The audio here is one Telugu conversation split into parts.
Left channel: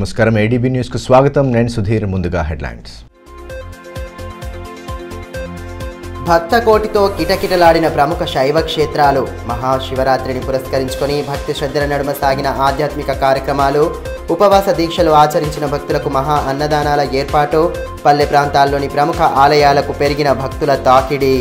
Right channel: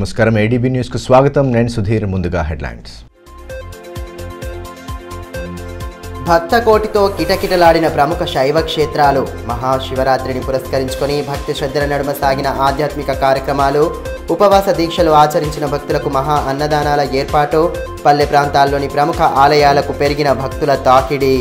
నమస్కారం ఏడీబీ న్యూస్ కు స్వాగతం నేను సుధీర్ ముందుగా హెడ్లైన్స్ భక్త కోటితో కిటకిటలాడిన ప్రముఖ శైవ క్షేత్రాలు మహాశివరాత్రిని పురస్కరించుకొని భక్తి శ్రద్ధల నడుమ సాగిన ఆధ్యాత్మిక కార్యక్రమాలు ఉపవాస దీక్షలు ఆచరించిన భక్తులకు మహా అన్నదానాల ఏర్పాటు పల్లె ప్రాంతాల్లోని ప్రముఖ ఆలయాలకు పెరిగిన భక్తుల తాకిడి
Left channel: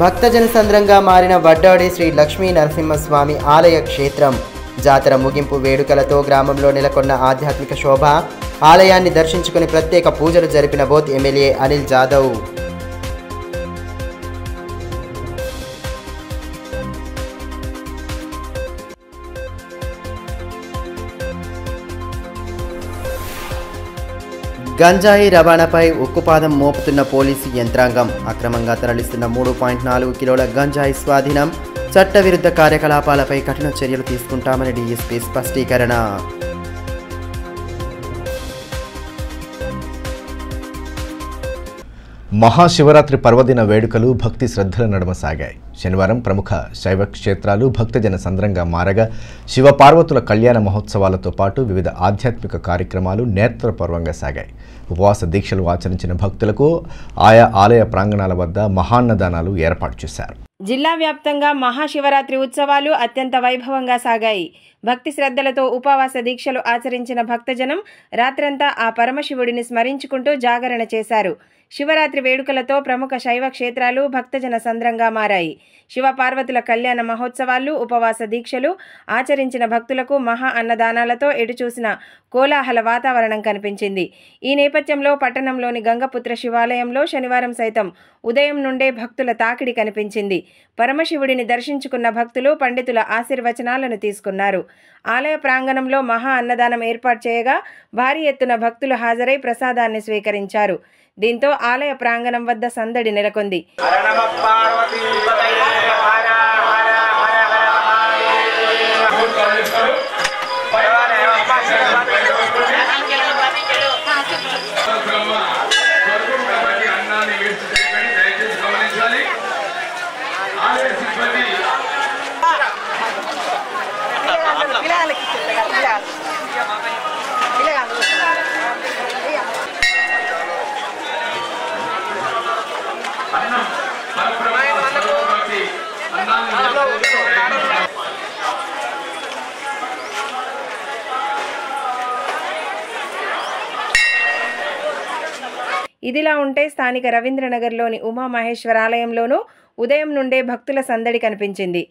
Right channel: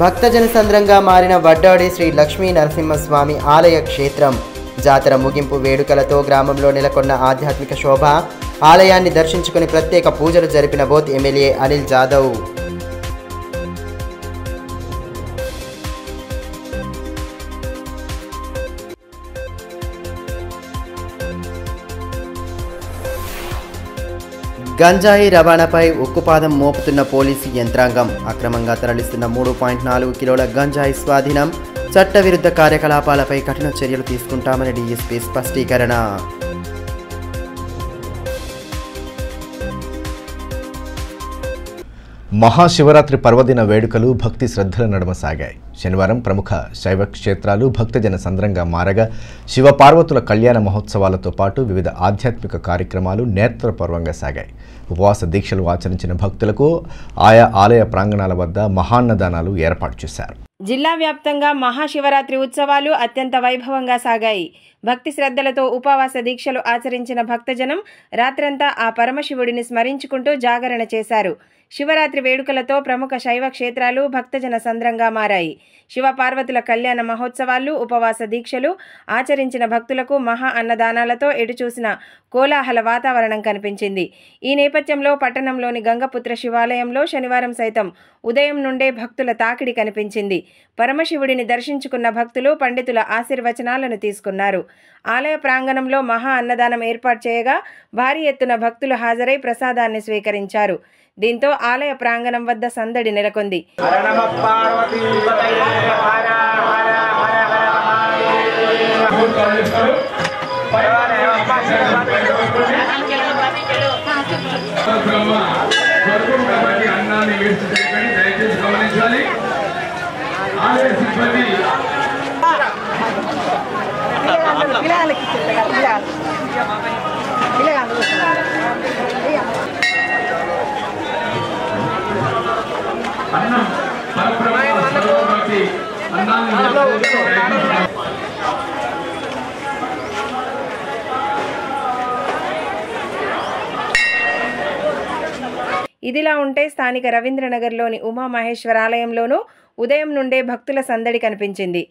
భక్తజన సంద్రంగా మారిన వడ్డాడి శ్రీ లక్ష్మీ నరసింహస్వామి ఆలయ క్షేత్రం జాతర ముగింపు వేడుకలతో గ్రామంలో నెలకొన్న ఆధ్యాత్మిక శోభ ఆలయాన్ని దర్శించుకుని ప్రత్యేక పూజలు జరిపిన బోత్ ఎమ్మెల్యే అనిల్ జాదవ్ గంజాయి రవాణాపై ఉక్కుపాదం మోపుతున్న పోలీసు యంత్రాంగం అక్రమంగా తరలిస్తున్న 3.4 కిలోల గంజాయి స్వాధీనం చట్టవిరుద్ధ కార్యకలాపాలపై కఠిన చర్యలు తీసుకుంటామని డీఎస్పీ స్పష్టీకరణ మహాశివరాత్రి పర్వదిన వేడుకలు భక్తి శ్రద్ధల నడుమ సాగాయి. శనివారం ప్రముఖ శైవ క్షేత్రాలు భక్తజన సంద్రంగా మారగా శివపార్వతుల కళ్యాణ మహోత్సవాలతో పాటు వివిధ ఆధ్యాత్మిక కార్యక్రమాలు నేత్రపర్వంగా సాగాయి. ఉపవాస దీక్షలు ఆచరించిన భక్తులకు ఆయా ఆలయ ప్రాంగణాల వద్ద మహాన్నదానాలు ఏర్పాటు చేశారు. జిల్లా వ్యాప్తంగా మహాశివరాత్రి ఉత్సవాలు అత్యంత వైభవంగా సాగాయి. భక్తి శ్రద్ధలతో ఉపవాస దీక్షలు ఆచరించిన భక్తజనం రాత్రంతా ఆ పరమశివుడిని స్మరించుకుంటూ జాగరణ చేశారు. శివరాత్రి వేడుకలతో ప్రముఖ శైవ క్షేత్రాలు భక్తజన సంద్రంగా మారాయి. శివపార్వతుల కళ్యాణ మహోత్సవాలు ఉపవాస దీక్షలు ఆచరించిన భక్తులకు మహా అన్నదానాలతో ఎటుచూసిన కోలాహల వాతావరణం కనిపించింది. ఈ నేపథ్యంలో పట్టణంలోని గంగపుత్ర శివాలయంలో శనివారం సైతం ఉదయం నుండే భక్తుల తాకిడి కనిపించింది. పరమశివుడిని దర్శించుకున్న భక్తులు పండితుల ఆశీర్వచనాలను తీసుకున్నారు. ఆలయ ప్రాంగణంలో మహా అన్నదానం ఏర్పాటు చేయగా భారీ ఎత్తున భక్తులు హాజరై ప్రసాదాన్ని స్వీకరించారు. దీంతో ఆలయ ప్రాంగణం వద్ద సందడి నెలకొంది. ఇదిలా ఉంటే స్థానిక రవీంద్రనగర్లోని ఉమామహేశ్వర ఆలయంలోనూ ఉదయం నుండే భక్తుల సందడి కనిపించింది.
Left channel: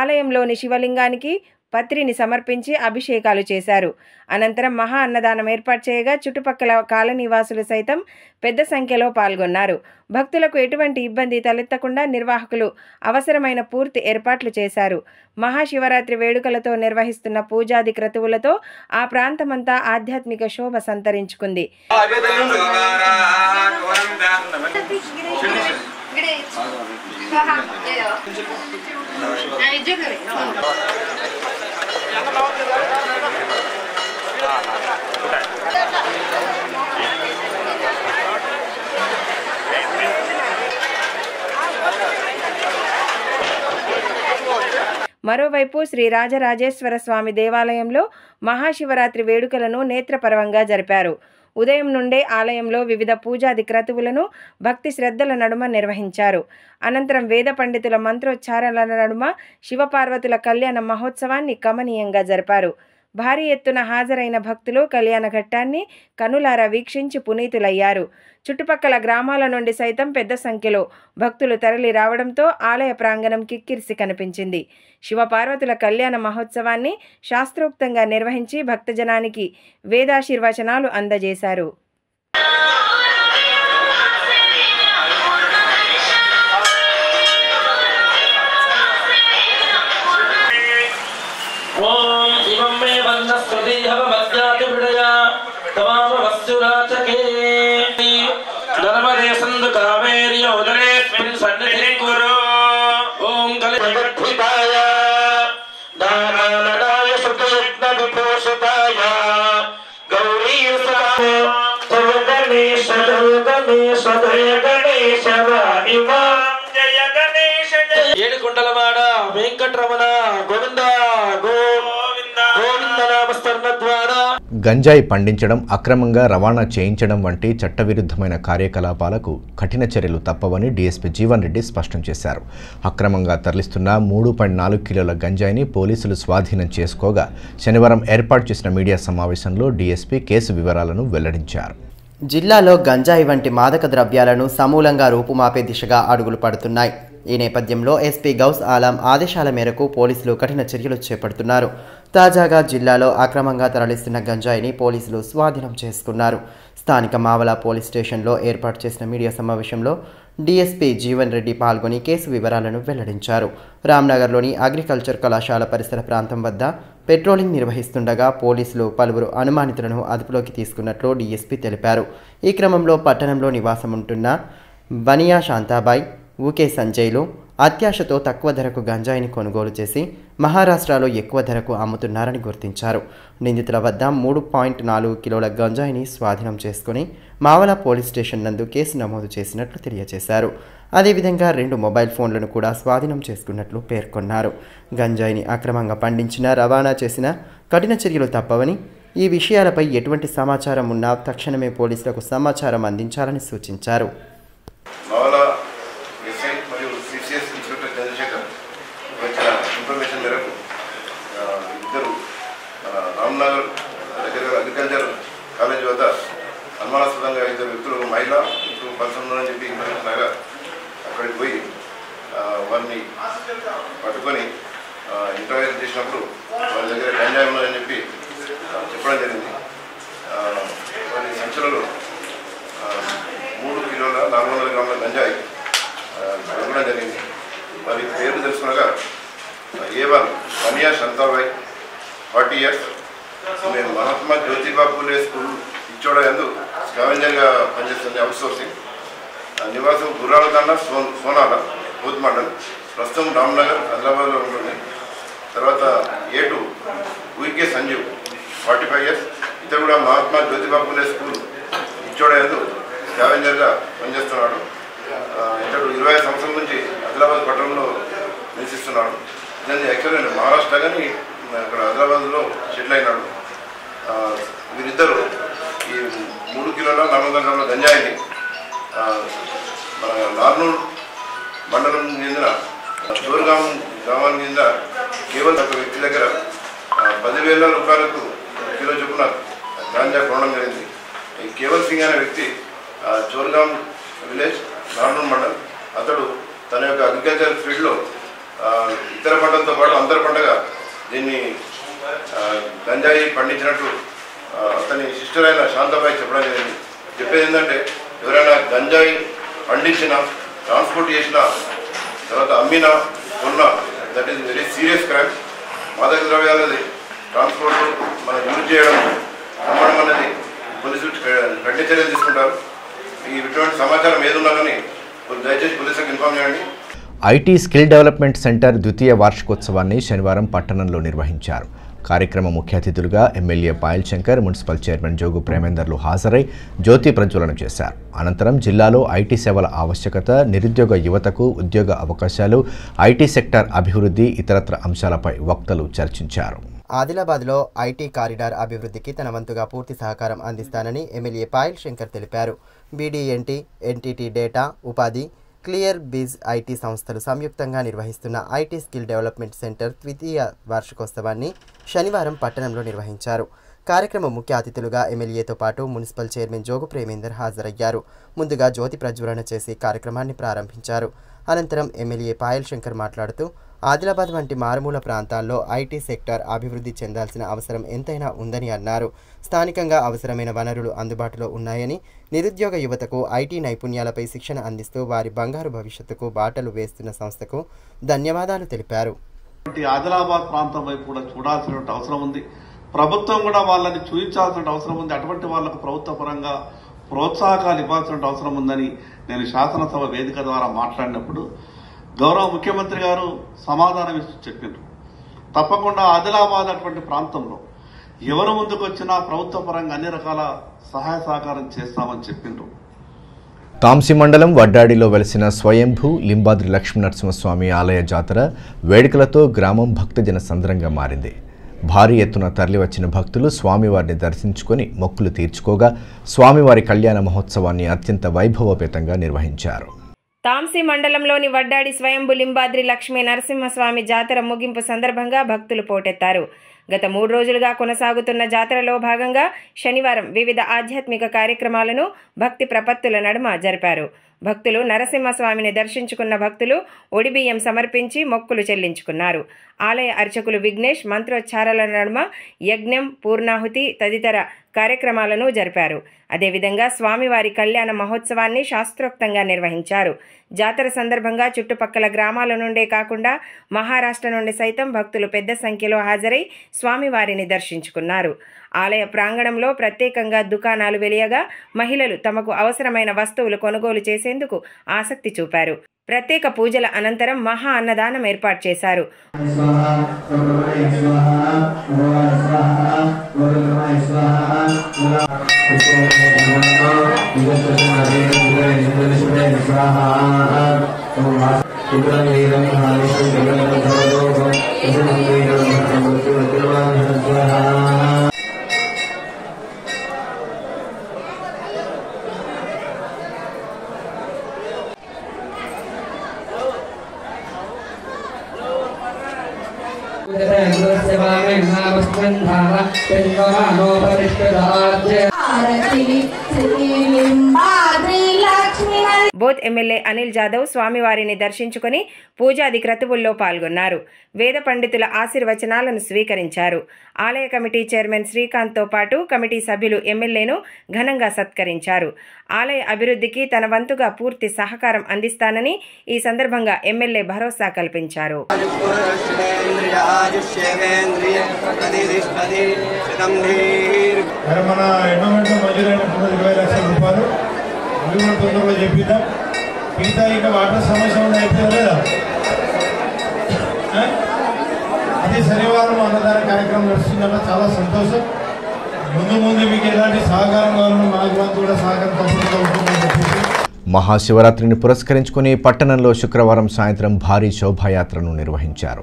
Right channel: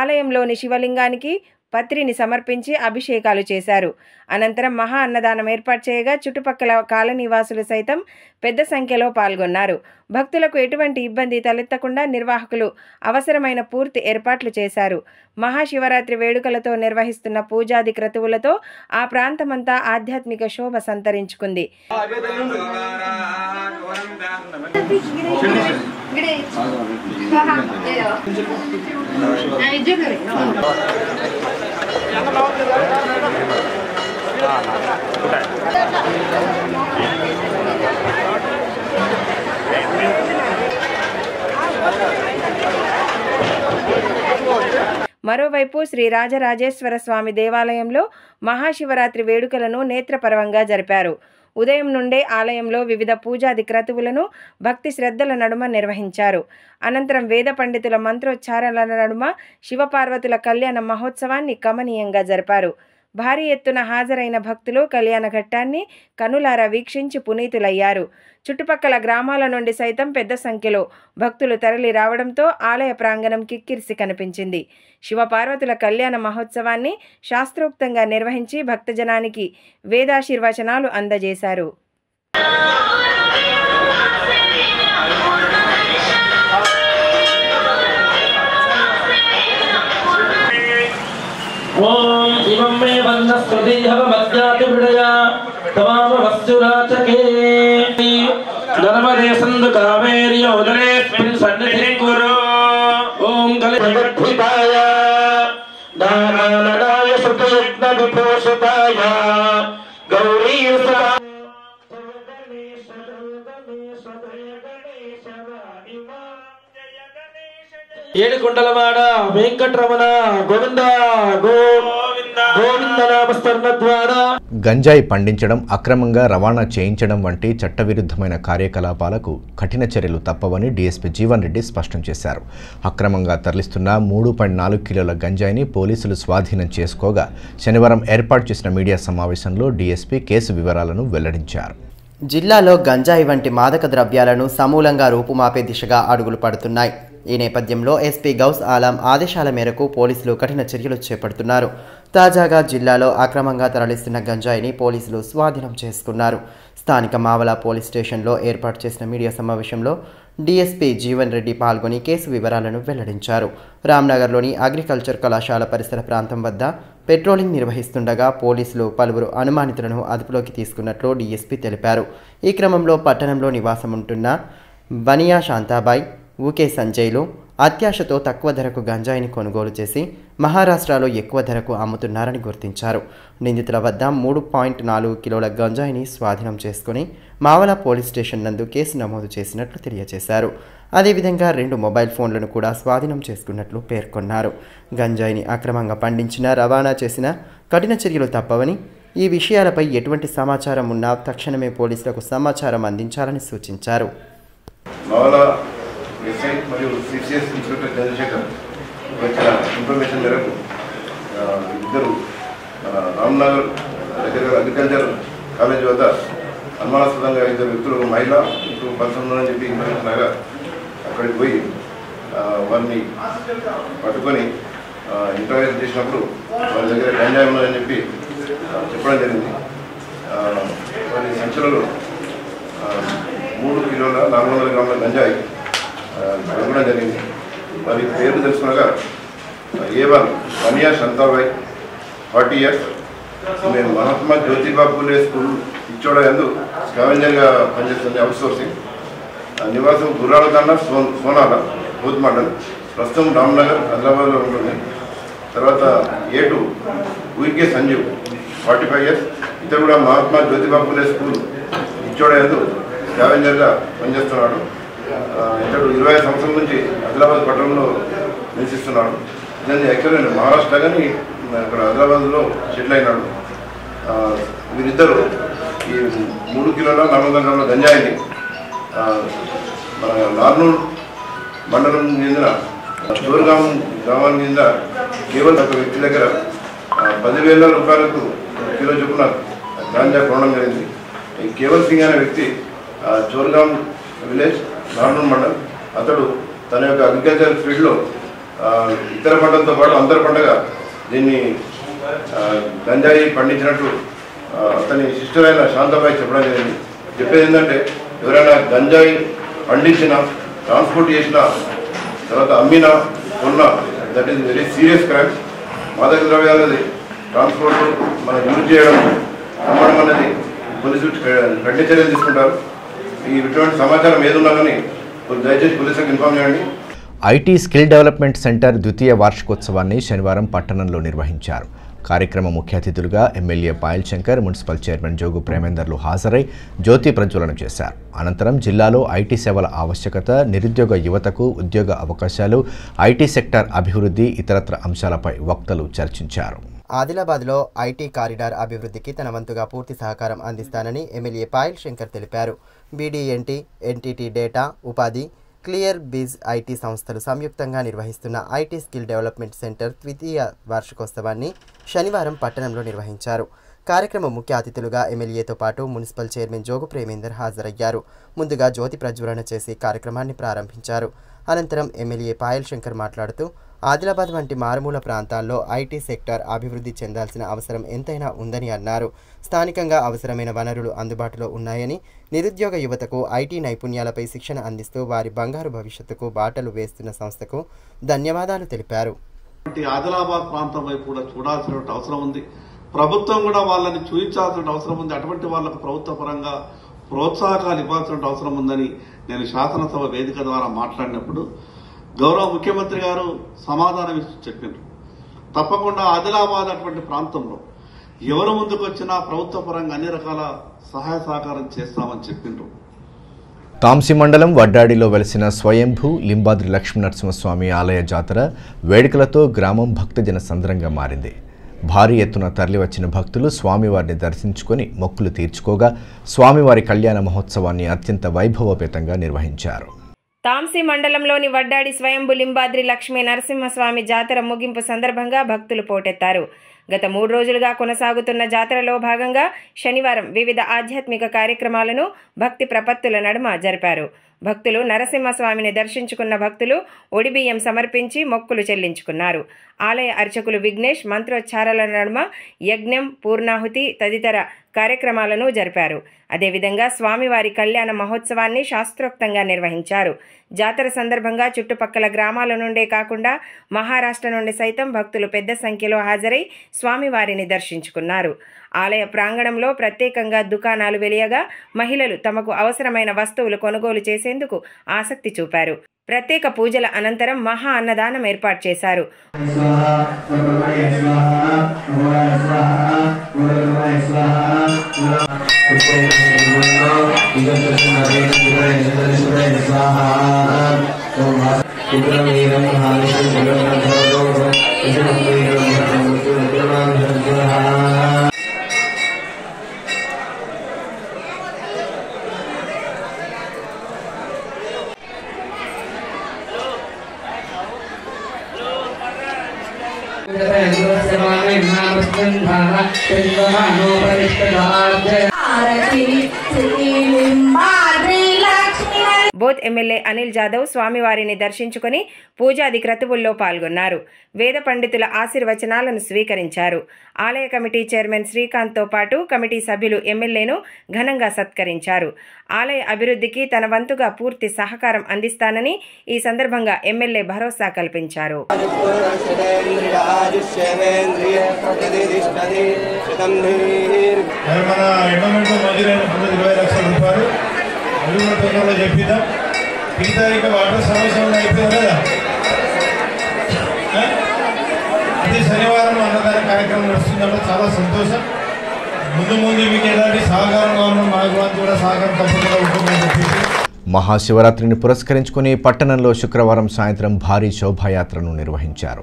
ఆలయంలోని శివలింగానికి పత్రిని సమర్పించి అభిషేకాలు చేశారు. అనంతరం మహా అన్నదానం ఏర్పాటు చేయగా చుట్టుపక్కల కాలనీవాసులు సైతం పెద్ద సంఖ్యలో పాల్గొన్నారు. భక్తులకు ఎటువంటి ఇబ్బంది తలెత్తకుండా నిర్వాహకులు అవసరమైన పూర్తి ఏర్పాట్లు చేశారు. మహాశివరాత్రి వేడుకలతో నిర్వహిస్తున్న పూజాది క్రతువులతో ఆ ప్రాంతమంతా ఆధ్యాత్మిక శోభ సంతరించుకుంది. మరోవైపు శ్రీ రాజరాజేశ్వర స్వామి దేవాలయంలో మహాశివరాత్రి వేడుకలను నేత్రపర్వంగా జరిపారు. ఉదయం నుండే ఆలయంలో వివిధ పూజాది క్రతువులను భక్తి శ్రద్ధల నడుమ నిర్వహించారు. అనంతరం వేద పండితుల మంత్రోచ్చారణల నడుమ శివపార్వతుల కళ్యాణ మహోత్సవాన్ని కమనీయంగా జరిపారు. భారీ ఎత్తున హాజరైన భక్తులు కళ్యాణ ఘట్టాన్ని కనులారా వీక్షించి పునీతులయ్యారు. చుట్టుపక్కల గ్రామాల నుండి సైతం పెద్ద సంఖ్యలో భక్తులు తరలి రావడంతో ఆలయ ప్రాంగణం కిక్కిరిసి కనిపించింది. శివపార్వతుల కళ్యాణ మహోత్సవాన్ని శాస్త్రోక్తంగా నిర్వహించి భక్తజనానికి వేదాశీర్వచనాలు అందజేశారు. ओम इमं मे वन्नस्पति हवमज्ञाति हृदया तमाम वस्तुराचके नर्मदे सन्दु कावेरी उदरे सन्निधिं कुरु ओम कलिभक्तिपाय दानाननाय सुतयज्ञ विपोषिताय गौरी सदाय गणेश गणेश गणेश वाहिमा ఏడుకొండలవాడ వెంకటరమణ గోవింద గోవింద నామస్మరణ ద్వారా గంజాయి పండించడం, అక్రమంగా రవాణా చేయించడం వంటి చట్టవిరుద్ధమైన కార్యకలాపాలకు కఠిన చర్యలు తప్పవని డీఎస్పీ జీవన్ రెడ్డి స్పష్టం చేశారు. అక్రమంగా తరలిస్తున్న 3.4 కిలోల గంజాయిని పోలీసులు స్వాధీనం చేసుకోగా శనివారం ఏర్పాటు చేసిన మీడియా సమావేశంలో డీఎస్పీ కేసు వివరాలను వెల్లడించారు. జిల్లాలో గంజాయి వంటి మాదక ద్రవ్యాలను సమూలంగా రూపుమాపే దిశగా అడుగులు పడుతున్నాయి. ఈ నేపథ్యంలో ఎస్పీ గౌస్ ఆలం ఆదేశాల మేరకు పోలీసులు కఠిన చర్యలు చేపడుతున్నారు. తాజాగా జిల్లాలో అక్రమంగా తరలిస్తున్న గంజాయిని పోలీసులు స్వాధీనం చేసుకున్నారు. స్థానిక మావల పోలీస్ స్టేషన్లో ఏర్పాటు చేసిన మీడియా సమావేశంలో డీఎస్పీ జీవన్ రెడ్డి పాల్గొని కేసు వివరాలను వెల్లడించారు. రామ్నగర్లోని అగ్రికల్చర్ కళాశాల పరిసర ప్రాంతం వద్ద పెట్రోలింగ్ నిర్వహిస్తుండగా పోలీసులు పలువురు అనుమానితులను అదుపులోకి తీసుకున్నట్లు డీఎస్పీ తెలిపారు. ఈ క్రమంలో పట్టణంలో నివాసం ఉంటున్న బనియా శాంతాబాయ్, ఊకే సంజయ్లు అత్యాశతో తక్కువ ధరకు గంజాయిని కొనుగోలు చేసి మహారాష్ట్రలో ఎక్కువ ధరకు అమ్ముతున్నారని గుర్తించారు. నిందితుల వద్ద 3.4 కిలోల గంజాయిని స్వాధీనం చేసుకుని మావల పోలీస్ స్టేషన్ నందు కేసు నమోదు చేసినట్లు తెలియజేశారు. అదేవిధంగా 2 మొబైల్ ఫోన్లను కూడా స్వాధీనం చేసుకున్నట్లు పేర్కొన్నారు. గంజాయిని అక్రమంగా పండించినా, రవాణా చేసినా కఠిన చర్యలు తప్పవని, ఈ విషయాలపై ఎటువంటి సమాచారం ఉన్నా తక్షణమే పోలీసులకు సమాచారం అందించాలని సూచించారు. ఎస్ఐ మరియు సిసిఎస్ ఇన్స్పెక్టర్ చంద్రశేఖర్ వచ్చిన ఇన్ఫర్మేషన్ మేరకు ఇద్దరు రామ్నగర్ దగ్గర అగ్రికల్చర్ కాలేజ్ వద్ద అనుమానాస్పదంగా 2 వ్యక్తులు, మహిళ 2 పర్సన్ అని చెప్పి ఇన్ఫర్మేషన్ లాగా అక్కడికి పోయి వారిని పట్టుకొని ఇంటర్వ్యూ చేసినప్పుడు వారి దగ్గర గంజాయి ఉన్నదని చెప్పి చెప్పడం జరిగింది. వారి సంచులలో 3 కిలోల 400 గ్రాముల గంజాయి దొరకడం జరిగింది. వారి పేరు తెలుసుకున్నాక A1 బనియా శాంతాబాయ్ 40 years, మేము మహాత్మా జ్యోతిబా పూలే స్కూల్ ఇచ్చోడ యందు స్కావెంజర్గా పనిచేస్తుంది, అవుట్ సోర్సింగ్. నివాసం గుర్రాల కన్నా సోనాల బూత్ మండల్, ప్రస్తుతం రామ్నగర్ హైదరాబాద్లో ఉంటుంది. తర్వాత A2 ఊకే సంజీవ్ 45 years, ఇతడు కూడా మహాత్మా జ్యోతిబా పూలే స్కూల్ ఇచ్చోడ యందు స్కావెంజర్గా పనిచేస్తున్నాడు. ఇతడు 25 సంవత్సరాల నుంచి హైదరాబాద్ పట్టణంలో నివసిస్తున్నాడు. ఇతను యాక్చువల్గా మహారాష్ట్ర కానీ ఇక్కడ హైదరాబాద్లో సెటిల్ అయినాడు. వీరిద్దరూ ఈ 3 కిలోల 400 గ్రాముల గంజాయిని మన నార్నూర్ మండలం చెందిన చోర్గాం గ్రామానికి చెందిన కేవలం ఒక వ్యక్తి దగ్గర 10,000 రూపాయలకు కిలో చొప్పున గాంజా కొనడం జరిగింది. ఈ కేవల్ సింగ్ అనే వ్యక్తి చోర్గాం విలేజ్, నార్నూర్ మండల్. అతడు తన యొక్క అగ్రికల్చర్ ఫీల్డ్లో ఇతర పంటలతో పాటు అంతర పంటగా దీన్ని గంజాయి పండించినట్టు అతని సిస్టర్ అయిన శాంతాబాయి చెప్పడం జరిగింది. చెప్పేది ఏంటంటే, ఎవరైనా గంజాయి పండించినా, ట్రాన్స్పోర్ట్ చేసినా, తర్వాత అమ్మినా, కొన్నా, that is very serious crime. మాదక ద్రవ్యాలది ట్రాన్స్పోర్ట్ మనం యూజ్ చేయడం, అమ్మడం అనేది పోలీసులు కఠిన చర్యలు తీసుకుంటారు. ఇటువంటి సమాచారం ఏదున్నా కానీ దయచేసి పోలీసులకు ఇన్ఫార్మ్ చేయండి. ఐటీ స్కిల్ డెవలప్మెంట్ సెంటర్ ద్వితీయ వార్షికోత్సవాన్ని శనివారం పట్టణంలో నిర్వహించారు. కార్యక్రమ ముఖ్య అతిథులుగా MLA Payal Shankar, municipal chairman Jogu ప్రేమేందర్లు హాజరై జ్యోతి ప్రజ్వలన చేశారు. అనంతరం జిల్లాలో ఐటీ సేవల ఆవశ్యకత, నిరుద్యోగ యువతకు ఉద్యోగ అవకాశాలు, ఐటీ సెక్టార్ అభివృద్ధి, ఇతరత్ర అంశాలపై వక్తలు చర్చించారు. ఆదిలాబాద్లో ఐటీ కారిడార్ అభివృద్ధికి తన వంతుగా పూర్తి సహకారం అందిస్తానని ఎమ్మెల్యే పాయల్ శంకర్ తెలిపారు. బీడీఎన్టీ, ఎన్టీటీ డేటా, ఉపాధి, క్లియర్ బిజ్ ఐటీ సంస్థలు సంయుక్తంగా నిర్వహిస్తున్న ఐటీ స్కిల్ డెవలప్మెంట్ సెంటర్ ద్వితీయ వార్షికోత్సవాన్ని శనివారం పట్టణంలో నిర్వహించారు. కార్యక్రమ ముఖ్య అతిథులుగా ఎమ్మెల్యేతో పాటు మున్సిపల్ చైర్మన్ జోగు ప్రేమేందర్ హాజరయ్యారు. ముందుగా జ్యోతి ప్రజ్వలన చేసి కార్యక్రమాన్ని ప్రారంభించారు. అనంతరం ఎమ్మెల్యే పాయల్ శంకర్ మాట్లాడుతూ, ఆదిలాబాద్ వంటి మారుమూల ప్రాంతాల్లో ఐటీ సెక్టార్ అభివృద్ధి చెందాల్సిన అవసరం ఎంతైనా ఉందని అన్నారు. స్థానికంగా అవసరమైన వనరులు అందుబాటులో ఉన్నాయని, నిరుద్యోగ యువతకు ఐటీ నైపుణ్యాలపై శిక్షణ అందిస్తూ వారి బంగారు భవిష్యత్తుకు బాటలు వేస్తున్న సంస్థకు ధన్యవాదాలు తెలిపారు. ఆదిలాబాద్ ప్రాంతం వైపు కూడా చూడాల్సిన అవసరం ఉంది. ప్రభుత్వం కూడా వాళ్ళని చూపించాల్సిన అవసరం ఉంది. అటువంటి వాళ్లకు ప్రభుత్వ పరంగా ప్రోత్సాహకాలు ఇవ్వాల్సిన అవసరం ఉందని నేను శాసనసభ వేదిక ద్వారా మాట్లాడినప్పుడు గౌరవ ముఖ్యమంత్రి గారు సమాధానం ఇచ్చి చెప్పారు. తప్పకుండా ఆదిలాబాద్ అటువంటి ప్రాంతంలో ఎవరు ముందుకు వచ్చినా ప్రభుత్వ పరంగా అన్ని రకాల సహాయ సహకారం చేస్తామని చెప్పిండ్రు. తాంసి మండలం వడ్డాడిలో వెలిసిన స్వయంభూ లింబాద్రి లక్ష్మీనరసింహస్వామి ఆలయ జాతర వేడుకలతో గ్రామం భక్తజన సంద్రంగా మారింది. భారీ ఎత్తున తరలివచ్చిన భక్తులు స్వామివారిని దర్శించుకొని మొక్కులు తీర్చుకోగా స్వామివారి కళ్యాణ మహోత్సవాన్ని అత్యంత వైభవోపేతంగా నిర్వహించారు. తాంసి మండలంలోని వడ్డాడి స్వయంభూ లింబాద్రి లక్ష్మీ నరసింహస్వామి జాతర ముగింపు సందర్భంగా భక్తులు పోటెత్తారు. గత 3 రోజులుగా కొనసాగుతున్న జాతరలో భాగంగా శనివారం వివిధ ఆధ్యాత్మిక కార్యక్రమాలను భక్తి ప్రపత్తుల నడుమ జరిపారు. భక్తులు నరసింహస్వామిని దర్శించుకున్న భక్తులు ఒడిబియ్యం సమర్పించి మొక్కులు చెల్లించుకున్నారు. ఆలయ అర్చకులు విఘ్నేష్ మంత్రోచ్చారాల నడుమ యజ్ఞం, పూర్ణాహుతి తదితర కార్యక్రమాలను జరిపారు. అదేవిధంగా స్వామివారి కళ్యాణ మహోత్సవాన్ని శాస్త్రోక్తంగా నిర్వహించారు. జాతర సందర్భంగా చుట్టుపక్కల గ్రామాల నుండే కాకుండా మహారాష్ట్ర నుండి సైతం భక్తులు పెద్ద సంఖ్యలో హాజరై స్వామివారిని దర్శించుకున్నారు. ఆలయ ప్రాంగణంలో ప్రత్యేకంగా దుకాణాలు వెలియగా మహిళలు తమకు అవసరమైన వస్తువులు కొనుగోలు చేసేందుకు ఆసక్తి చూపారు. ప్రత్యేక పూజల అనంతరం మహా అన్నదానం ఏర్పాటు చేశారు. బోత్ ఎమ్మెల్యే అనిల్ జాదవ్ స్వామివారిని దర్శించుకుని పూజాది క్రతువుల్లో పాల్గొన్నారు. వేద పండితుల ఆశీర్వచనాలను స్వీకరించారు. ఆలయ కమిటీ చైర్మన్ శ్రీకాంత్తో పాటు కమిటీ సభ్యులు ఎమ్మెల్యేను ఘనంగా సత్కరించారు. ఆలయ అభివృద్ధికి తన వంతుగా పూర్తి సహకారం అందిస్తానని ఈ సందర్భంగా ఎమ్మెల్యే భరోసా కల్పించారు. చెప్పిద్దాం మిగతా ఇక వాటర్ సమస్య అయిపోయింది కదా, అది శనివారం అన్నదాన కార్యక్రమం నడుస్తుందంటే చాలా సంతోషం. ముందు మీకు ఎలాంటి సహకారం కావాలో మాకు కూడా సహకారం తప్పకుండా ఉంటుందని చెప్పేసి మహాశివరాత్రిని పురస్కరించుకుని పట్టణంలో శుక్రవారం సాయంత్రం భారీ శోభాయాత్రను నిర్వహించారు.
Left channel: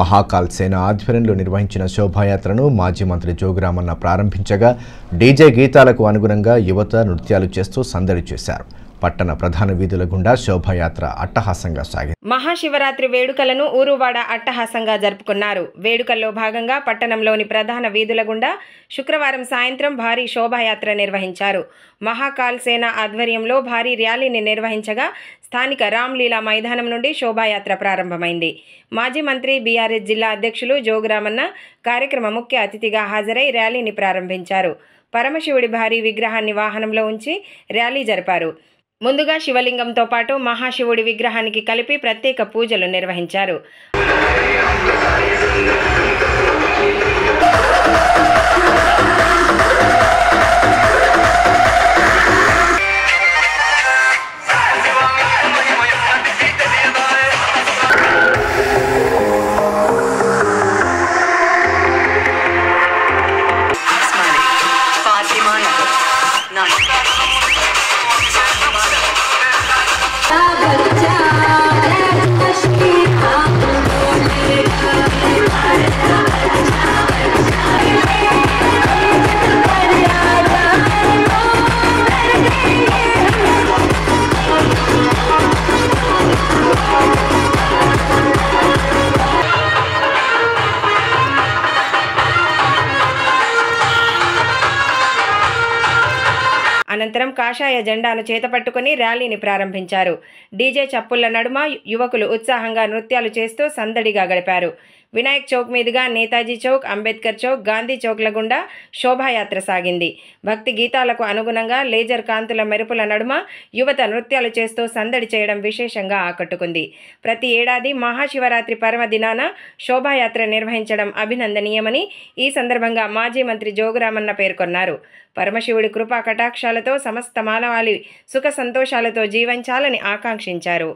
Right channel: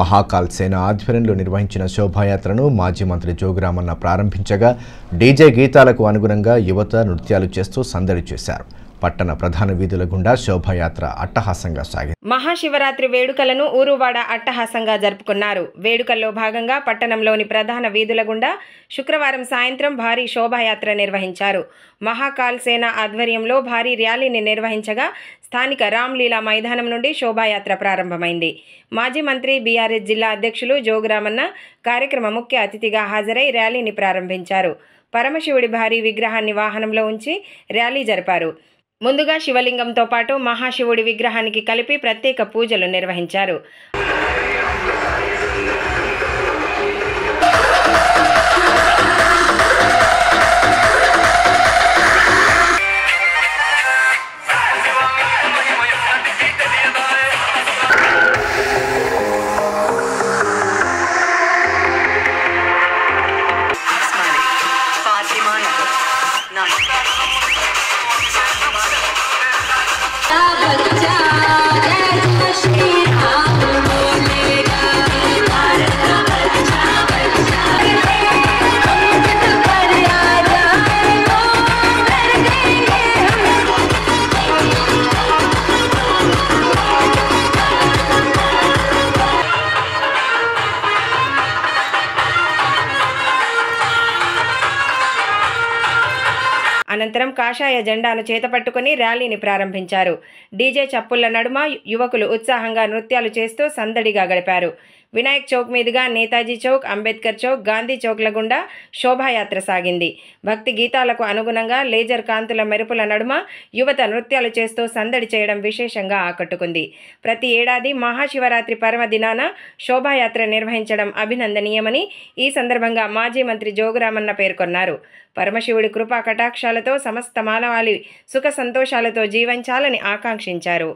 మహాకాల్ సేన ఆధ్వర్యంలో నిర్వహించిన శోభాయాత్రను మాజీ మంత్రి జోగురామన్న ప్రారంభించగా డీజే గీతాలకు అనుగుణంగా యువత నృత్యాలు చేస్తూ సందడి చేశారు. పట్టణ ప్రధాన వీధుల గుండా శోభాయాత్ర అట్టహాసంగా సాగింది. మహాశివరాత్రి వేడుకలను ఊరువాడ అట్టహాసంగా జరుపుకున్నారు. వేడుకల్లో భాగంగా పట్టణంలోని ప్రధాన వీధుల గుండా శుక్రవారం సాయంత్రం భారీ శోభాయాత్ర నిర్వహించారు. మహాకాల్ సేన ఆధ్వర్యంలో భారీ ర్యాలీని నిర్వహించగా స్థానిక రామ్లీలా మైదానం నుండి శోభాయాత్ర ప్రారంభమైంది. మాజీ మంత్రి బీఆర్ఎస్ జిల్లా అధ్యక్షులు జోగురామన్న కార్యక్రమ ముఖ్య అతిథిగా హాజరై ర్యాలీని ప్రారంభించారు. పరమశివుడి భారీ విగ్రహాన్ని వాహనంలో ఉంచి ర్యాలీ జరిపారు. ముందుగా శివలింగంతో పాటు మహాశివుడి విగ్రహానికి కలిపి ప్రత్యేక పూజలు నిర్వహించారు. అనంతరం కాషాయ జెండాను చేతపట్టుకుని ర్యాలీని ప్రారంభించారు. డీజే చప్పుళ్ల నడుమ యువకులు ఉత్సాహంగా నృత్యాలు చేస్తూ సందడిగా గడిపారు. వినాయక్ చౌక్ మీదుగా నేతాజీ చౌక్, అంబేద్కర్ చౌక్, గాంధీ చౌక్ల గుండా శోభాయాత్ర సాగింది. భక్తి గీతాలకు అనుగుణంగా లేజర్ కాంతుల మెరుపుల నడుమ యువత నృత్యాలు చేస్తూ సందడి చేయడం విశేషంగా ఆకట్టుకుంది. ప్రతి ఏడాది మహాశివరాత్రి పర్వదినాన శోభాయాత్ర నిర్వహించడం అభినందనీయమని ఈ సందర్భంగా మాజీ మంత్రి జోగురామన్న పేర్కొన్నారు. పరమశివుడి కృపా కటాక్షాలతో సమస్త మానవాళి సుఖ సంతోషాలతో జీవించాలని ఆకాంక్షించారు.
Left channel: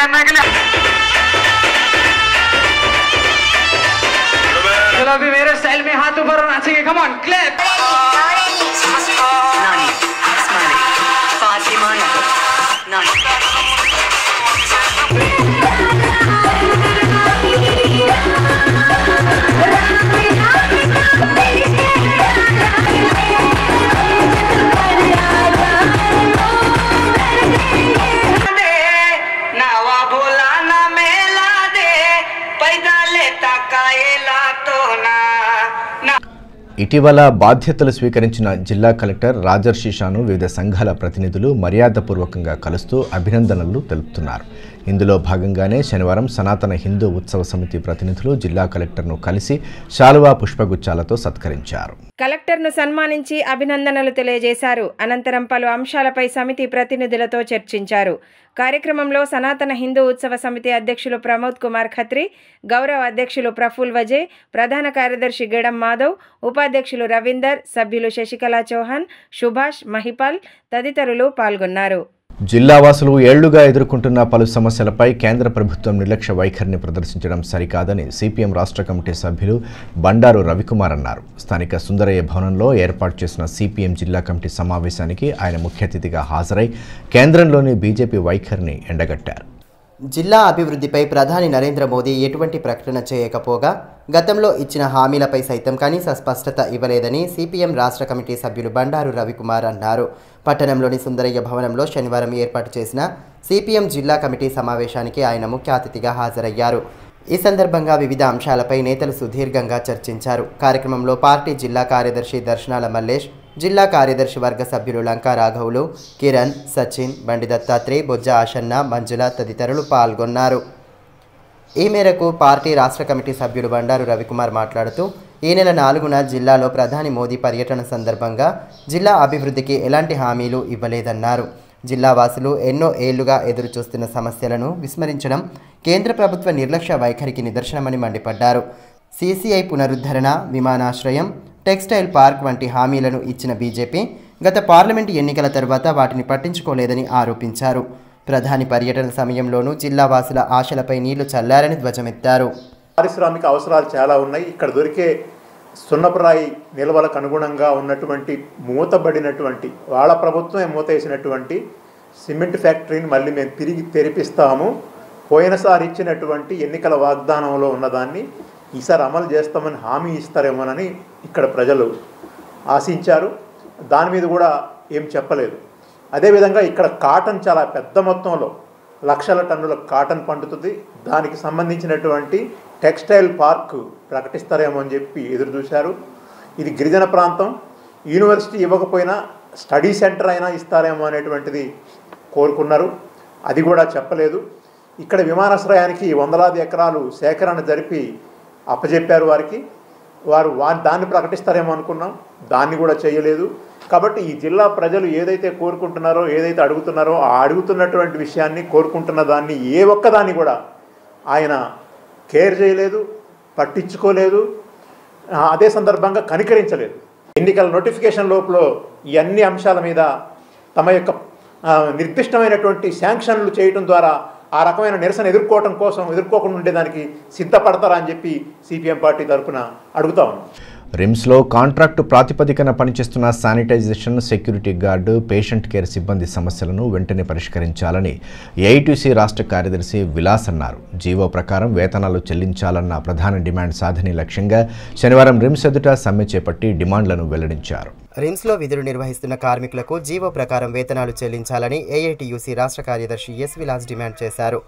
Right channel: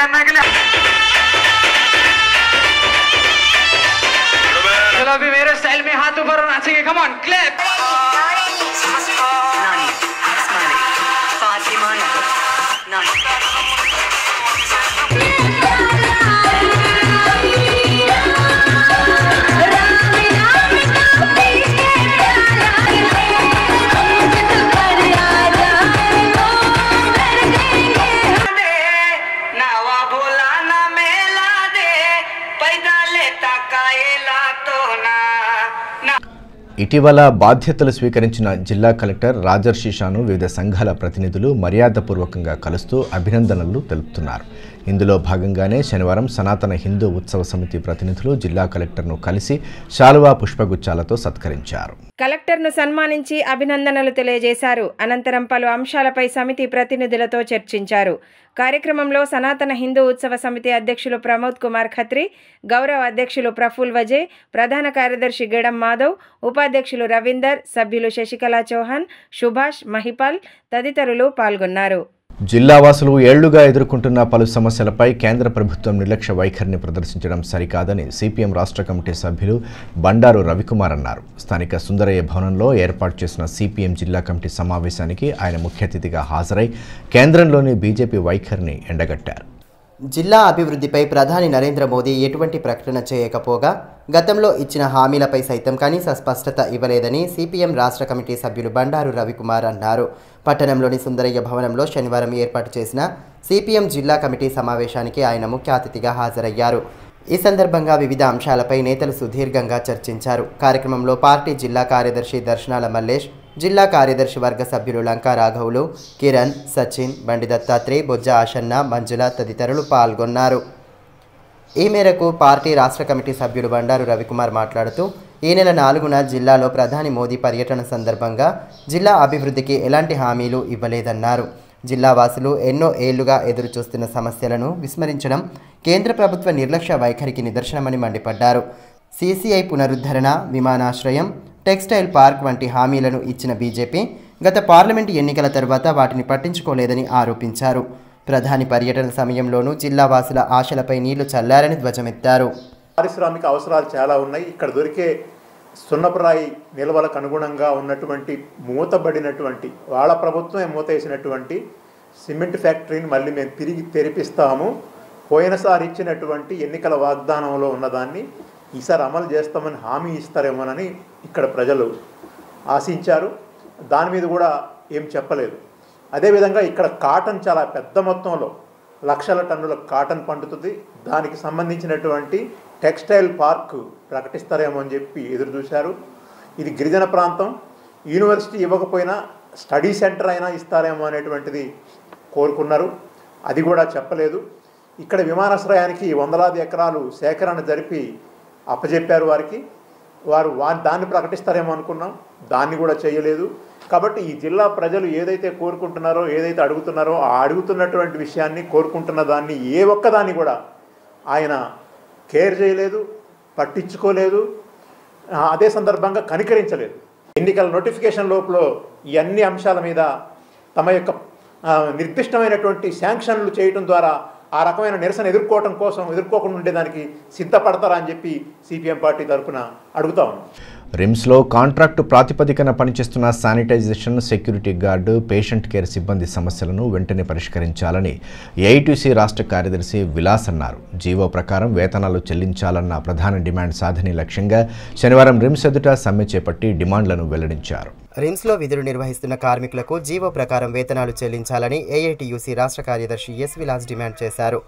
करने के लिए। चलो अभी मेरे स्टाइल में हाथ ऊपर नाचेंगे, कम ऑन क्लैप। ఇటీవల బాధ్యతలు స్వీకరించిన జిల్లా కలెక్టర్ రాజర్షి షాను వివిధ సంఘాల ప్రతినిధులు మర్యాదపూర్వకంగా కలుస్తూ అభినందనలు తెలుపుతున్నారు. ఇందులో భాగంగానే శనివారం సనాతన హిందూ ఉత్సవ సమితి ప్రతినిధులు జిల్లా కలెక్టర్ను కలిసి శాలువా పుష్పగుచ్చాలతో సత్కరించారు. కలెక్టర్ను సన్మానించి అభినందనలు తెలియజేశారు. అనంతరం పలు అంశాలపై సమితి ప్రతినిధులతో చర్చించారు. కార్యక్రమంలో సనాతన హిందూ ఉత్సవ సమితి అధ్యక్షులు ప్రమోద్ కుమార్ ఖత్రి, గౌరవ అధ్యక్షులు ప్రఫుల్ వజే, ప్రధాన కార్యదర్శి గెడం మాధవ్, ఉపాధ్యక్షులు రవీందర్, సభ్యులు శశికళా చౌహాన్, సుభాష్, మహిపాల్ తదితరులు పాల్గొన్నారు. జిల్లావాసులు ఏళ్లుగా ఎదుర్కొంటున్న పలు సమస్యలపై కేంద్ర ప్రభుత్వం నిర్లక్ష్య వైఖరిని ప్రదర్శించడం సరికాదని సిపిఎం రాష్ట్ర కమిటీ సభ్యులు బండారు రవికుమార్ అన్నారు. స్థానిక సుందరయ్య భవనంలో ఏర్పాటు చేసిన సిపిఎం జిల్లా కమిటీ సమావేశానికి ఆయన ముఖ్య అతిథిగా హాజరై కేంద్రంలోని బీజేపీ వైఖరిని ఎండగట్టారు. జిల్లా అభివృద్ధిపై ప్రధాని నరేంద్ర మోదీ ఎటువంటి ప్రకటన చేయకపోగా గతంలో ఇచ్చిన హామీలపై సైతం కనీస స్పష్టత ఇవ్వలేదని సిపిఎం రాష్ట్ర కమిటీ సభ్యులు బండారు రవికుమార్ అన్నారు. పట్టణంలోని సుందరయ్య భవనంలో శనివారం ఏర్పాటు చేసిన సిపిఎం జిల్లా కమిటీ సమావేశానికి ఆయన ముఖ్య అతిథిగా హాజరయ్యారు. ఈ సందర్భంగా వివిధ అంశాలపై నేతలు సుదీర్ఘంగా చర్చించారు. కార్యక్రమంలో పార్టీ జిల్లా కార్యదర్శి దర్శనాల మల్లేష్, జిల్లా కార్యదర్శి వర్గ సభ్యులు లంకా రాఘవులు, కిరణ్, సచిన్, బండి దత్తాత్రేయ, బొజ్జ ఆషన్న, మంజుల తదితరులు పాల్గొన్నారు. ఈ మేరకు పార్టీ రాష్ట్ర కమిటీ సభ్యులు బండారు రవికుమార్ మాట్లాడుతూ ఈ నెల 4న జిల్లాలో ప్రధాని మోదీ పర్యటన సందర్భంగా జిల్లా అభివృద్ధికి ఎలాంటి హామీలు ఇవ్వలేదన్నారు. జిల్లా వాసులు ఎన్నో ఏళ్లుగా ఎదురుచూస్తున్న సమస్యలను విస్మరించడం కేంద్ర ప్రభుత్వ నిర్లక్ష్య వైఖరికి నిదర్శనమని మండిపడ్డారు. సిసిఐ పునరుద్ధరణ, విమానాశ్రయం, టెక్స్టైల్ పార్క్ వంటి హామీలను ఇచ్చిన బీజేపీ గత పార్లమెంటు ఎన్నికల తర్వాత వాటిని పట్టించుకోలేదని ఆరోపించారు. ప్రధాని పర్యటన సమయంలోనూ జిల్లా వాసుల ఆశలపై నీళ్లు చల్లారని ధ్వజమెత్తారు. పారిశ్రామిక అవసరాలు చాలా ఉన్నాయి. ఇక్కడ దొరికే సున్నపురాయి నిల్వలకు అనుగుణంగా ఉన్నటువంటి మూతబడినటువంటి వాళ్ళ ప్రభుత్వమే మూతేసినటువంటి సిమెంట్ ఫ్యాక్టరీని మళ్ళీ మేము తిరిగి తెరిపిస్తాము, పోయినసారి ఇచ్చినటువంటి ఎన్నికల వాగ్దానంలో ఉన్నదాన్ని ఈసారి అమలు చేస్తామని హామీ ఇస్తారేమోనని ఇక్కడ ప్రజలు ఆశించారు. దాని మీద కూడా ఏం చెప్పలేదు. అదేవిధంగా ఇక్కడ కాటన్ చాలా పెద్ద మొత్తంలో లక్షల టన్నుల కాటన్ పండుతుంది. దానికి సంబంధించినటువంటి టెక్స్టైల్ పార్క్ ప్రకటిస్తారేమో అని చెప్పి ఎదురు చూశారు. ఇది గిరిజన ప్రాంతం, యూనివర్సిటీ ఇవ్వకపోయినా స్టడీ సెంటర్ అయినా ఇస్తారేమో అనేటువంటిది కోరుకున్నారు. అది కూడా చెప్పలేదు. ఇక్కడ విమానాశ్రయానికి వందలాది ఎకరాలు సేకరణ జరిపి అప్పజెప్పారు వారు దాన్ని ప్రకటిస్తారేమో అనుకున్నాం, దాన్ని కూడా చేయలేదు. కాబట్టి ఈ జిల్లా ప్రజలు ఏదైతే కోరుకుంటున్నారో, ఏదైతే అడుగుతున్నారో ఆ అడుగుతున్నటువంటి విషయాన్ని, కోరుకుంటున్న దాన్ని ఏ ఒక్కదాన్ని కూడా ఆయన కేర్ చేయలేదు, పట్టించుకోలేదు, అదే సందర్భంగా కనికరించలేదు. ఎన్నికల నోటిఫికేషన్ లోపల ఈ అన్ని అంశాల మీద తమ యొక్క నిర్దిష్టమైనటువంటి శాంక్షన్లు చేయడం ద్వారా ఆ రకమైన నిరసన ఎదుర్కోకుండా ఉండేదానికి సిద్ధపడతారా అని చెప్పి సిపిఎం పార్టీ తరఫున అడుగుతా ఉన్నాం. రిమ్స్లో కాంట్రాక్టు ప్రాతిపదికన పనిచేస్తున్న sanitization, security guard, patient care సిబ్బంది సమస్యలను వెంటనే పరిష్కరించాలని ఏఐటీసీ రాష్ట్ర కార్యదర్శి విలాస్ అన్నారు. జీవో ప్రకారం వేతనాలు చెల్లించాలన్న ప్రధాన డిమాండ్ సాధనే లక్ష్యంగా శనివారం రిమ్స్ ఎదుట సమ్మె చేపట్టి డిమాండ్లను వెల్లడించారు. రిమ్స్లో విధులు నిర్వహిస్తున్న కార్మికులకు జీవో ప్రకారం వేతనాలు చెల్లించాలని ఏఐటీయూసీ రాష్ట్ర కార్యదర్శి ఎస్ విలాస్ డిమాండ్ చేశారు.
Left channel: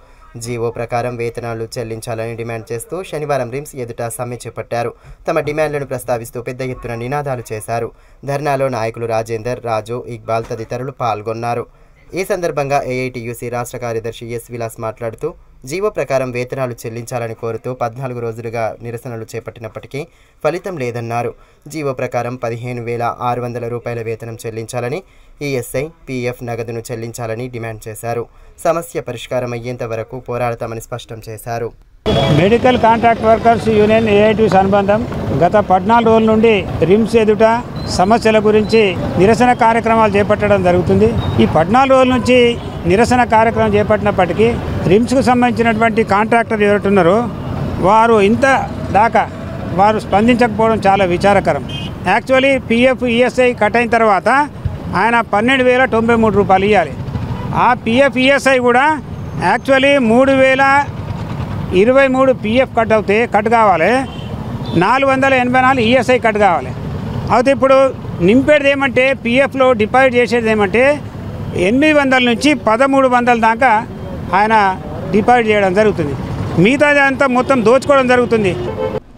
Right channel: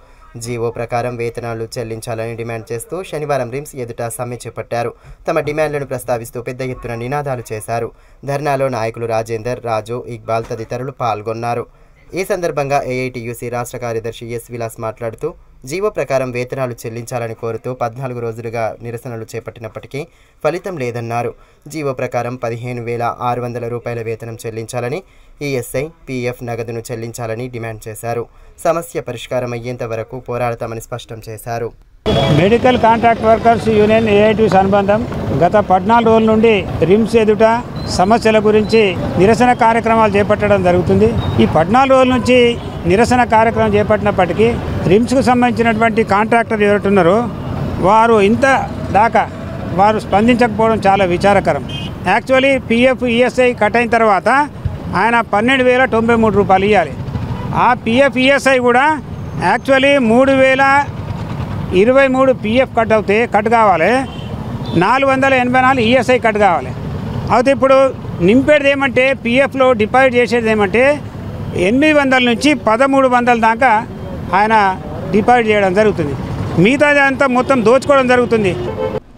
జీవో ప్రకారం వేతనాలు చెల్లించాలని డిమాండ్ చేస్తూ శనివారం రిమ్స్ ఎదుట సమ్మె చేపట్టారు. తమ డిమాండ్లను ప్రస్తావిస్తూ పెద్ద ఎత్తున నినాదాలు చేశారు. ధర్నాలో నాయకులు రాజేందర్, రాజు, ఇక్బాల్ తదితరులు పాల్గొన్నారు. ఈ సందర్భంగా ఏఐటీయూసీ రాష్ట్ర కార్యదర్శి ఎస్ విలాస్ మాట్లాడుతూ జీవో ప్రకారం వేతనాలు చెల్లించాలని కోరుతూ 14 రోజులుగా నిరసనలు చేపట్టినప్పటికీ ఫలితం లేదన్నారు. జీవో ప్రకారం 15,600 రూపాయల వేతనం చెల్లించాలని, ఈఎస్ఐ, పీఎఫ్ నగదును చెల్లించాలని డిమాండ్ చేశారు. సమస్య పరిష్కారం అయ్యేంత వరకు పోరాడతామని స్పష్టం చేశారు. Medical contract workers union AITUC అనుబంధం గత 14 రోజుల నుండి రిమ్స్ ఎదుట సమస్యల గురించి నిరసన కార్యక్రమాలు చేపట్టడం జరుగుతుంది. ఈ 14 రోజుల నుంచి నిరసన కార్యక్రమం చేపట్టినప్పటికీ రిమ్స్కు సంబంధించినటువంటి కాంట్రాక్టర్ ఎవరున్నారో వారు ఇంత దాకా వారు స్పందించకపోవడం చాలా విచారకరం. యాక్చువల్లీ పిఎఫ్ ఈఎస్ఐ కట్ అయిన తర్వాత ఆయన 12,093 రూపాయలు ఇవ్వాలి. ఆ పిఎఫ్ ఈఎస్ఐ కూడా యాక్చువల్లీ 3,023 పిఎఫ్ కట్ కావాలి, 484 ఈఎస్ఐ కట్ కావాలి. అయితే ఇప్పుడు నింపేది ఏమంటే పిఎఫ్లో డిపాజిట్ చేసేది ఏమంటే 800 నుంచి 1,300 దాకా ఆయన డిపాజిట్ చేయడం జరుగుతుంది. మిగతాది అంతా మొత్తం దోచుకోవడం జరుగుతుంది.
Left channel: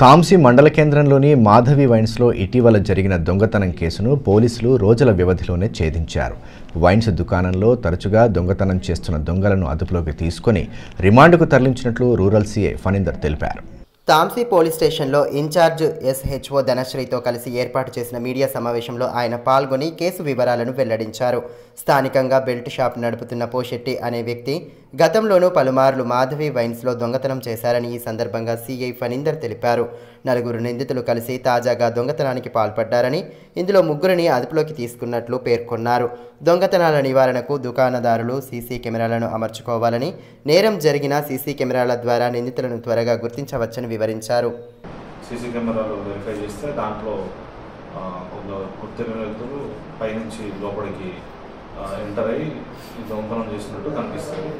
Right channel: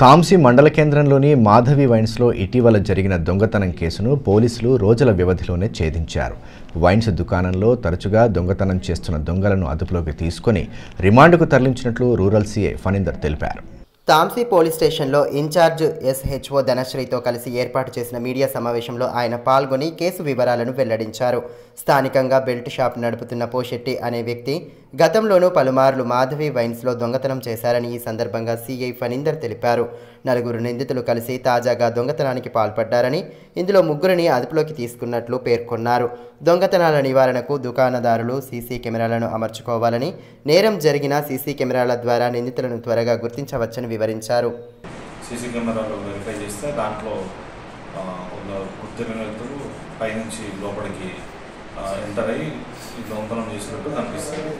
తాంసీ మండల కేంద్రంలోని మాధవి వైన్స్లో ఇటీవల జరిగిన దొంగతనం కేసును పోలీసులు రోజుల వ్యవధిలోనే ఛేదించారు. వైన్స్ దుకాణంలో తరచుగా దొంగతనం చేస్తున్న దొంగలను అదుపులోకి తీసుకుని రిమాండ్కు తరలించినట్లు రూరల్ సీఐ ఫణీందర్ తెలిపారు. తాంసీ పోలీస్ స్టేషన్లో ఇన్ఛార్జ్ ఎస్హెచ్ఓ ధనశ్రీతో కలిసి ఏర్పాటు చేసిన మీడియా సమావేశంలో ఆయన పాల్గొని కేసు వివరాలను వెల్లడించారు. స్థానికంగా బెల్ట్ షాప్ నడుపుతున్న పోషెట్టి అనే వ్యక్తి గతంలోనూ పలుమార్లు మాధవి వైన్స్లో దొంగతనం చేశారని ఈ సందర్భంగా సీఐ ఫణీందర్ తెలిపారు. 4 నిందితులు కలిసి తాజాగా దొంగతనానికి పాల్పడ్డారని, ఇందులో 3 అదుపులోకి తీసుకున్నట్లు పేర్కొన్నారు. దొంగతనాల నివారణకు దుకాణదారులు సీసీ కెమెరాలను అమర్చుకోవాలని, నేరం జరిగిన సీసీ కెమెరాల ద్వారా నిందితులను త్వరగా గుర్తించవచ్చని వివరించారు. సీసీ కెమెరాలు వెరిఫై చేస్తే దాంట్లో గుర్తిన వ్యక్తులు పైనుంచి లోపలికి ఎంటర్ అయ్యి ఈ దొంగతనం చేసినట్టు కనిపిస్తుంది.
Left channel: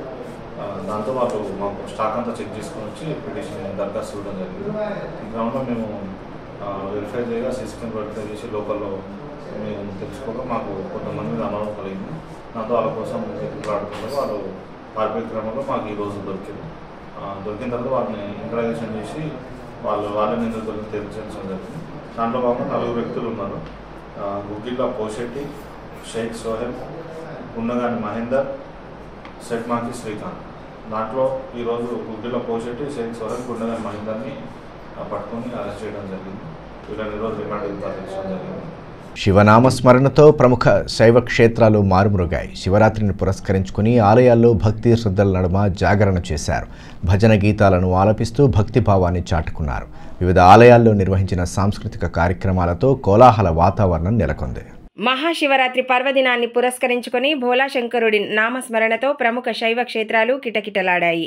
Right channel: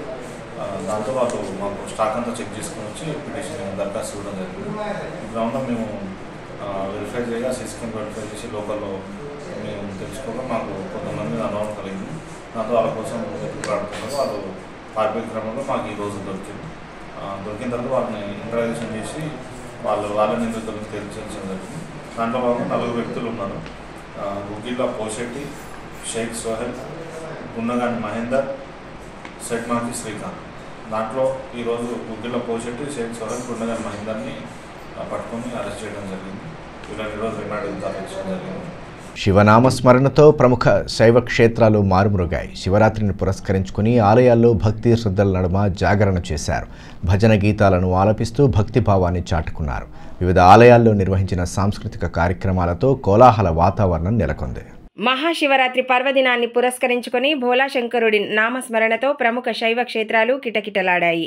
దాంతో వాళ్ళు మాకు స్టాక్ అంతా చెక్ చేసుకుని వచ్చి పిటిషన్ దరఖాస్తు ఇవ్వడం జరిగింది. గ్రౌండ్లో మేము వెరిఫై చేయగా సీసీ కెమెరా వెరిఫై చేసి లోకల్లో మేము తెచ్చుకోగా మాకు కొంతమంది మీద అనుభవం కలిగింది. దాంతో వాళ్ళ కోసం ఎదుగులాడుతున్నారు. వాళ్ళు పారిపోయే క్రమంలో మాకు ఈరోజు దొరికిన తర్వాత వాళ్ళని ఇంటరాగేషన్ చేసి వాళ్ళ నిందితులను తేల్చాల్సిన జరిగింది. దాంట్లో భాగంగా 4 వ్యక్తులు ఉన్నారు. గుగ్గిళ్ళ పోషెట్టి, షేక్ సోహెల్, గున్నగాని మహేందర్, సెట్మాకి శ్రీకాంత్. దాంట్లో ఈరోజు గుగ్గిళ్ళ పోషెట్టి, షేక్ సోహెల్, గున్నగాని మహేందర్ని పట్టుకొని అరెస్ట్ చేయడం జరిగింది. వీళ్ళని ఈరోజు రిమాండ్కి తరలించడం జరిగింది. శివనామస్మరణతో ప్రముఖ శైవ క్షేత్రాలు మారుమ్రోగాయి. శివరాత్రిని పురస్కరించుకుని ఆలయాల్లో భక్తి శ్రద్ధల నడుమ జాగరణ చేశారు. భజన గీతాలను ఆలపిస్తూ భక్తిభావాన్ని చాటుకున్నారు. వివిధ ఆలయాల్లో నిర్వహించిన సాంస్కృతిక కార్యక్రమాలతో కోలాహల వాతావరణం నెలకొంది. మహాశివరాత్రి పర్వదినాన్ని పురస్కరించుకొని భోలాశంకరుడి నామస్మరణతో ప్రముఖ శైవ క్షేత్రాలు కిటకిటలాడాయి.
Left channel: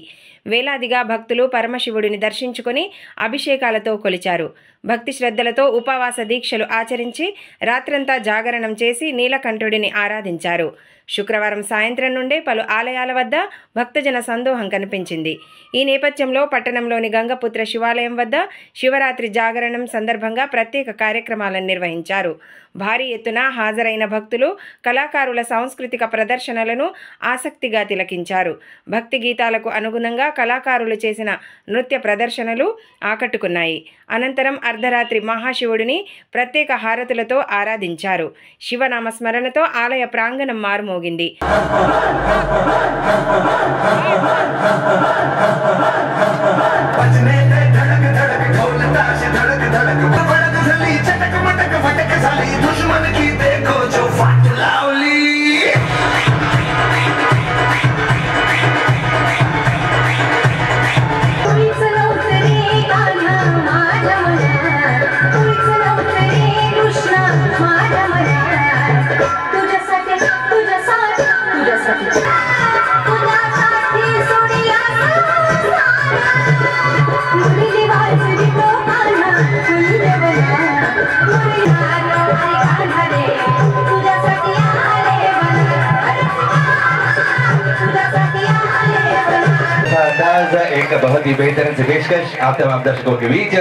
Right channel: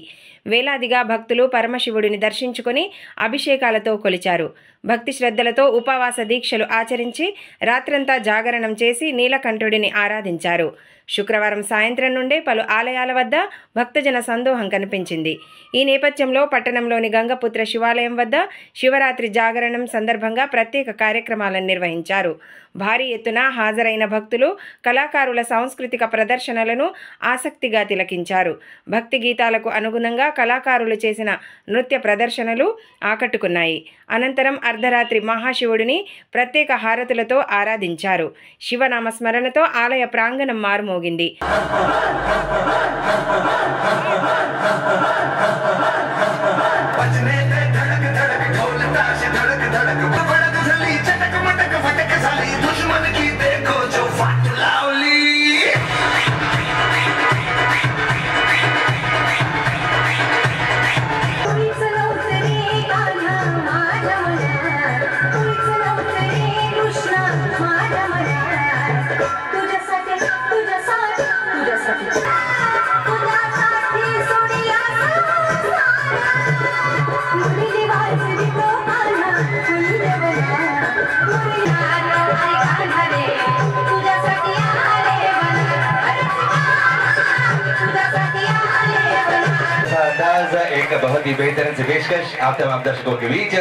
వేలాదిగా భక్తులు పరమశివుడిని దర్శించుకొని అభిషేకాలతో కొలిచారు. భక్తి శ్రద్ధలతో ఉపవాస దీక్షలు ఆచరించి రాత్రంతా జాగరణం చేసి నీలకంఠుడిని ఆరాధించారు. శుక్రవారం సాయంత్రం నుండే పలు ఆలయాల వద్ద భక్తజన సందోహం కనిపించింది. ఈ నేపథ్యంలో పట్టణంలోని గంగపుత్ర శివాలయం వద్ద శివరాత్రి జాగరణం సందర్భంగా ప్రత్యేక కార్యక్రమాలను నిర్వహించారు. భారీ ఎత్తున హాజరైన భక్తులు కళాకారుల సాంస్కృతిక ప్రదర్శనలను ఆసక్తిగా తిలకించారు. భక్తి గీతాలకు అనుగుణంగా కళాకారులు చేసిన నృత్య ప్రదర్శనలు ఆకట్టుకున్నాయి. అనంతరం అర్ధరాత్రి మహాశివుడిని ప్రత్యేక హారతులతో ఆరాధించారు. శివనామస్మరణతో ఆలయ ప్రాంగణం మారుమోగింది. एक बहुत ही बेहतरीन से पेशकश आप तमाम दर्शकों के बीच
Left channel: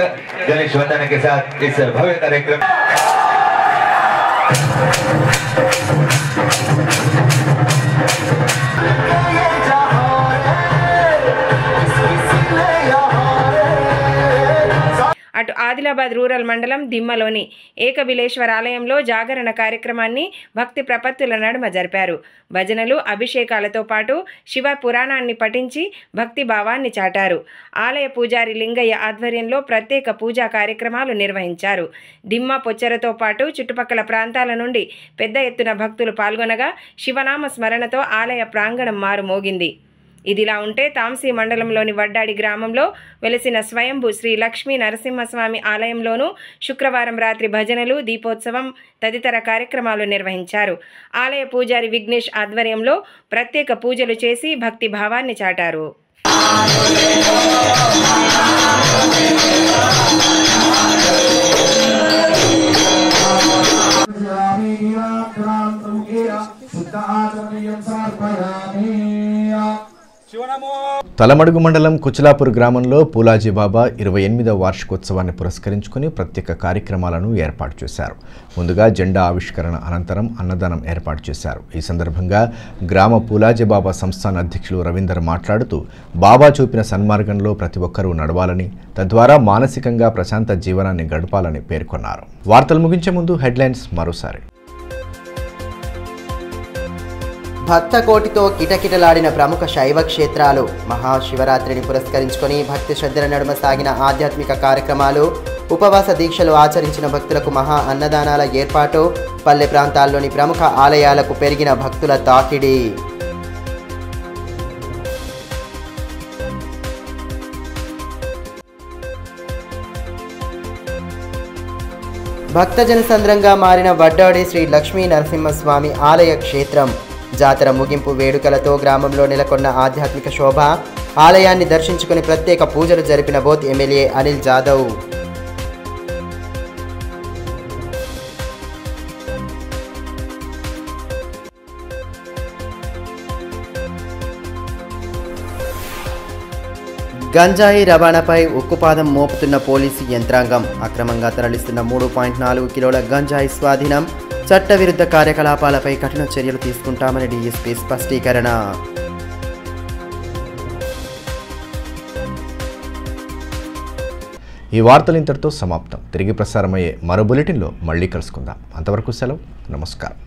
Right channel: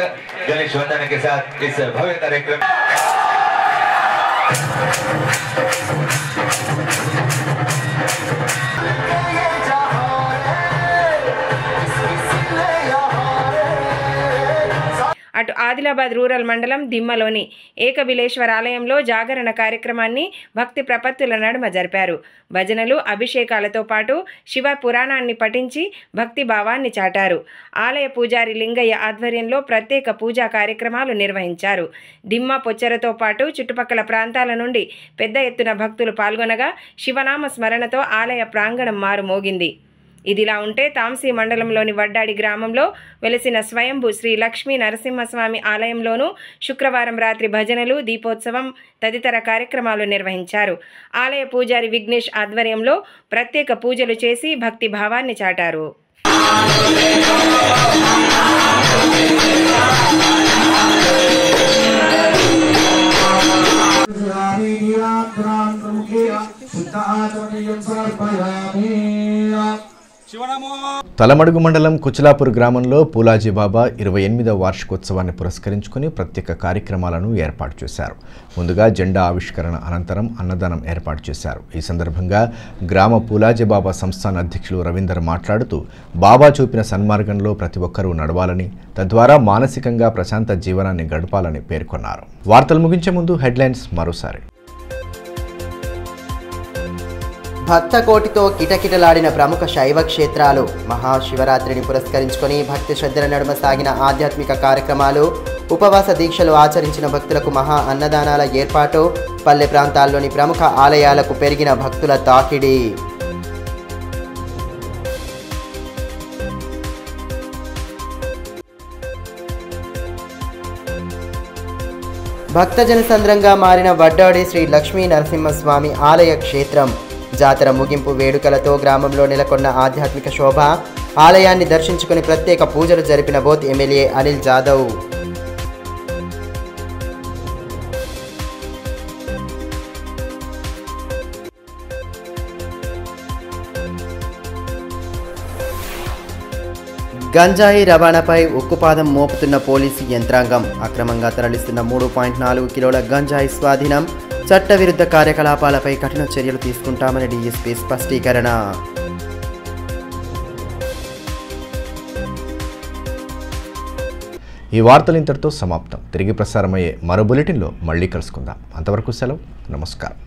गणेश वंदन के साथ इस भव्य कार्यक्रम అటు ఆదిలాబాద్ రూరల్ మండలం దిమ్మలోని ఏకబిలేశ్వర ఆలయంలో జాగరణ కార్యక్రమాన్ని భక్తి ప్రపత్తుల నడుమ జరిపారు. భజనలు, అభిషేకాలతో పాటు శివ పురాణాన్ని పఠించి భక్తి భావాన్ని చాటారు. ఆలయ పూజారి లింగయ్య ఆధ్వర్యంలో ప్రత్యేక పూజా కార్యక్రమాలు నిర్వహించారు. దిమ్మ, పొచ్చెరతో పాటు చుట్టుపక్కల ప్రాంతాల నుండి పెద్ద ఎత్తున భక్తులు పాల్గొనగా శివనామ స్మరణతో ఆలయ ప్రాంగణం మారుమోగింది. ఇదిలా ఉంటే తాంసీ మండలంలోని వడ్డాడి గ్రామంలో వెలిసిన స్వయంభూ శ్రీ లక్ష్మీ నరసింహస్వామి ఆలయంలోనూ శుక్రవారం రాత్రి భజనలు, దీపోత్సవం తదితర కార్యక్రమాలు నిర్వహించారు. ఆలయ పూజారి విఘ్నేష్ ఆధ్వర్యంలో ప్రత్యేక పూజలు చేసి భక్తి భావాన్ని చాటారు. తలమడుగు మండలం కుచిలాపూర్ గ్రామంలో పూలాజీ బాబా 28వ వార్షికోత్సవాన్ని పురస్కరించుకుని ప్రత్యేక కార్యక్రమాలను ఏర్పాటు చేశారు. ముందుగా జెండా ఆవిష్కరణ అనంతరం అన్నదానం ఏర్పాటు చేశారు. ఈ సందర్భంగా గ్రామ పూలాజీ బాబా సంస్థాన అధ్యక్షులు రవీందర్ మాట్లాడుతూ బాబా చూపిన సన్మార్గంలో ప్రతి ఒక్కరూ నడవాలని, తద్వారా మానసికంగా ప్రశాంత జీవనాన్ని గడపాలని పేర్కొన్నారు. వార్తలు ముగించే ముందు హెడ్లైన్స్ మరోసారి. భక్తకోటితో కిటకిటలాడిన ప్రముఖ శైవ క్షేత్రాలు. మహాశివరాత్రిని పురస్కరించుకొని భక్తి శ్రద్ధల నడుమ సాగిన ఆధ్యాత్మిక కార్యక్రమాలు, ఉపవాస దీక్షలు ఆచరించిన భక్తులకు మహా అన్నదానాల ఏర్పాటు, పల్లె ప్రాంతాల్లోని ప్రముఖ ఆలయాలకు పెరిగిన భక్తుల తాకిడి. భక్తజన సంద్రంగా మారిన వడ్డాడి శ్రీ లక్ష్మీ నరసింహస్వామి ఆలయ క్షేత్రం. జాతర ముగింపు వేడుకలతో గ్రామంలో నెలకొన్న ఆధ్యాత్మిక శోభ. ఆలయాన్ని దర్శించుకుని ప్రత్యేక పూజలు జరిపిన బోత్ ఎమ్మెల్యే అనిల్ జాదవ్. గంజాయి రవాణాపై ఉక్కుపాదం మోపుతున్న పోలీసు యంత్రాంగం. అక్రమంగా తరలిస్తున్న 3.4 కిలోల గంజాయి స్వాధీనం. చట్టవిరుద్ధ కార్యకలాపాలపై కఠిన చర్యలు తీసుకుంటామని డీఎస్పీ స్పష్టీకరణ. ఈ వార్తలు ఇంతటితో సమాప్తం. తిరిగి ప్రసారమయ్యే మరో బులెటిన్లో మళ్ళీ కలుసుకుందాం. అంతవరకు సెలవు. నమస్కారం.